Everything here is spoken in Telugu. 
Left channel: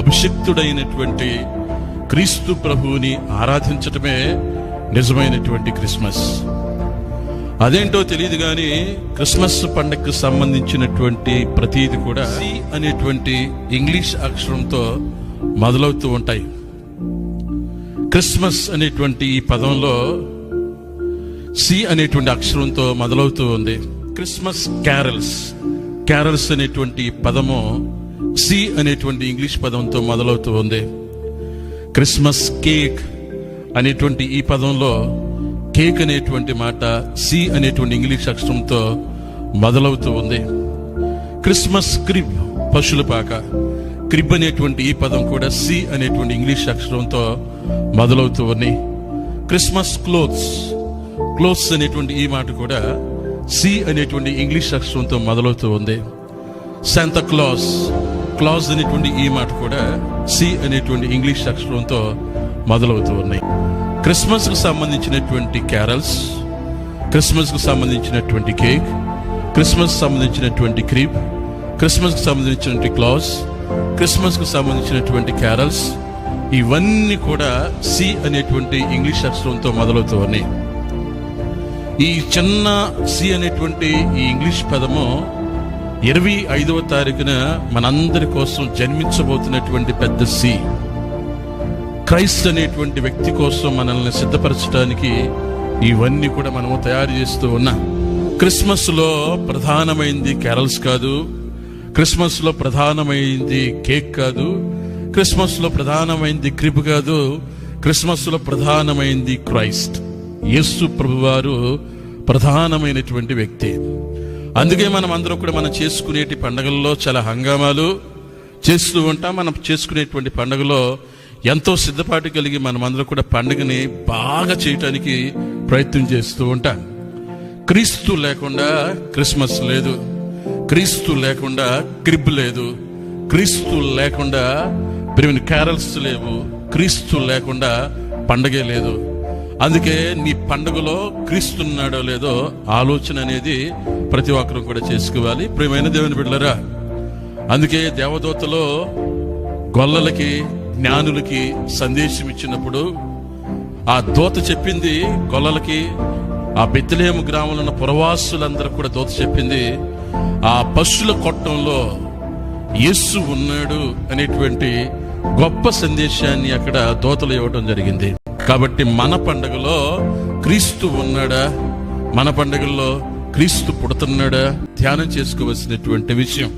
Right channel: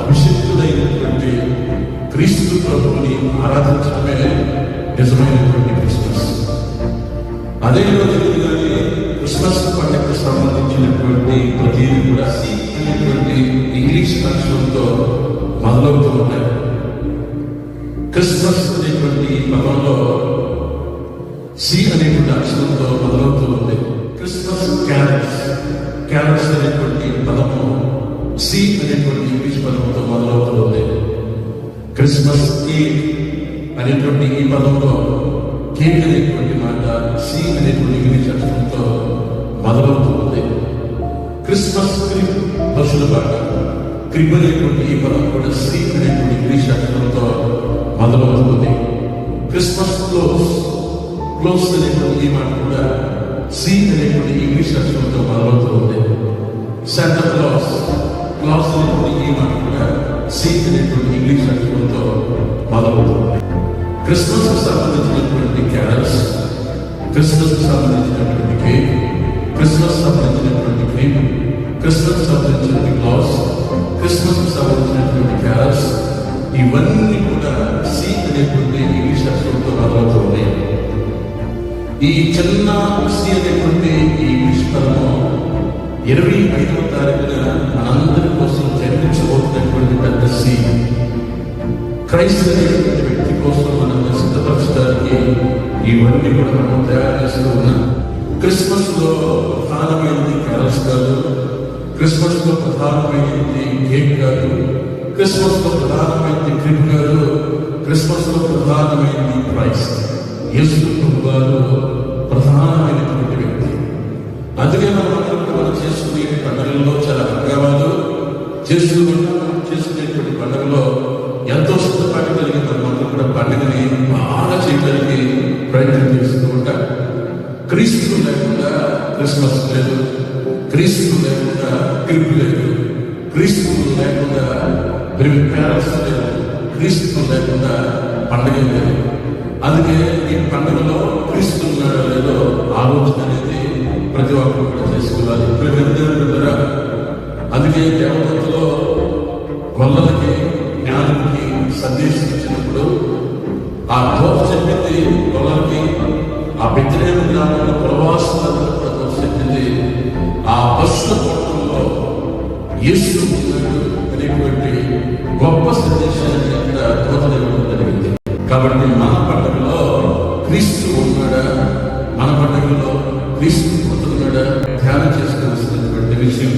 అభిషిక్తుడైనటువంటి క్రీస్తు ప్రభువుని ఆరాధించటమే నిజమైనటువంటి క్రిస్మస్. అదేంటో తెలియదు కానీ క్రిస్మస్ పండుగకు సంబంధించినటువంటి ప్రతిదీ కూడా సి అనేటువంటి ఇంగ్లీష్ అక్షరంతో మొదలవుతూ ఉంటాయి. క్రిస్మస్ అనేటువంటి ఈ పదంలో సి అనేటువంటి అక్షరంతో మొదలవుతూ ఉంది. క్రిస్మస్ క్యారల్స్ అనేటువంటి పదము సి అనేటువంటి ఇంగ్లీష్ పదంతో మొదలవుతూ ఉంది. క్రిస్మస్ కేక్ అనేటువంటి ఈ పదంలో కేక్ అనేటువంటి మాట సి అనేటువంటి ఇంగ్లీష్ అక్షరంతో మొదలవుతూ ఉంది. క్రిస్మస్ క్రిబ్ పశువుల పాక క్రిబ్ అనేటువంటి ఈ పదం కూడా సి అనేటువంటి ఇంగ్లీష్ అక్షరంతో మొదలవుతూ ఉంది. క్రిస్మస్ క్లోత్స్ అనేటువంటి ఈ మాట కూడా సి అనేటువంటి ఇంగ్లీష్ అక్షరంతో మొదలవుతూ ఉంది. శాంతా క్లాస్ అనేటువంటి ఈ మాట కూడా సి అనేటువంటి ఇంగ్లీష్ అక్షరంతో మొదలవుతూ ఉన్నాయి. క్రిస్మస్కు సంబంధించినటువంటి క్యారల్స్, క్రిస్మస్కు సంబంధించినటువంటి కేక్, క్రిస్మస్ సంబంధించినటువంటి క్రీమ్, క్రిస్మస్కి సంబంధించినటువంటి క్లాస్, క్రిస్మస్కు సంబంధించినటువంటి క్యారల్స్, ఇవన్నీ కూడా సి అనేటువంటి ఇంగ్లీష్ అక్షరంతో మొదలవుతూ ఉన్నాయి. ఈ చిన్న సి అనేటువంటి ఈ ఇంగ్లీష్ పదము 25వ తారీఖున మనందరి కోసం జన్మించబోతున్నటువంటి పెద్ద సి, క్రైస్ట్ అనేటువంటి వ్యక్తి కోసం మనల్ని సిద్ధపరచడానికి ఇవన్నీ కూడా మనము తయారు చేస్తూ ఉన్నాం. క్రిస్మస్లో ప్రధానమైనది క్యారల్స్ కాదు, క్రిస్మస్లో ప్రధానమైనది కేక్ కాదు, క్రిస్మస్లో ప్రధానమైనది క్రిబ్ కాదు, క్రిస్మస్లో ప్రధానమైనది క్రైస్ట్, యేసు ప్రభువారు ప్రధానమైనటువంటి వ్యక్తి. అందుకే మనం అందరం కూడా మనం చేసుకునేటి పండుగల్లో చాలా హంగామాలు చేస్తూ ఉంటాం. మనం చేసుకునేటువంటి పండుగలో ఎంతో సిద్ధపాటు కలిగి మనం అందరూ కూడా పండుగని బాగా చేయడానికి ప్రయత్నం చేస్తూ ఉంటాం. క్రీస్తు లేకుండా క్రిస్మస్ లేదు, క్రీస్తు లేకుండా క్రిబ్ లేదు, క్రీస్తు లేకుండా క్యారల్స్ లేవు, క్రీస్తు లేకుండా పండగే లేదు. అందుకే నీ పండుగలో క్రీస్తు ఉన్నాడో లేదో ఆలోచన అనేది ప్రతి ఒక్కరు కూడా చేసుకోవాలి. ప్రియమైన దేవుని బిడ్డలారా, అందుకే దేవదూతలో గొల్లలకి జ్ఞానులకి సందేశం ఇచ్చినప్పుడు ఆ దూత చెప్పింది గొల్లలకి, ఆ బెత్లెహేము గ్రామంలో ఉన్న పురవాసులందరూ కూడా దూత చెప్పింది, ఆ పశువుల కొట్టంలో యేసు ఉన్నాడు అనేటువంటి గొప్ప సందేశాన్ని అక్కడ దూతలు ఇవ్వడం జరిగింది. కాబట్టి మన పండుగలో క్రీస్తు ఉన్నాడా, మన పండుగల్లో క్రీస్తు పుడుతున్నాడా ధ్యానం చేసుకోవలసినటువంటి విషయం.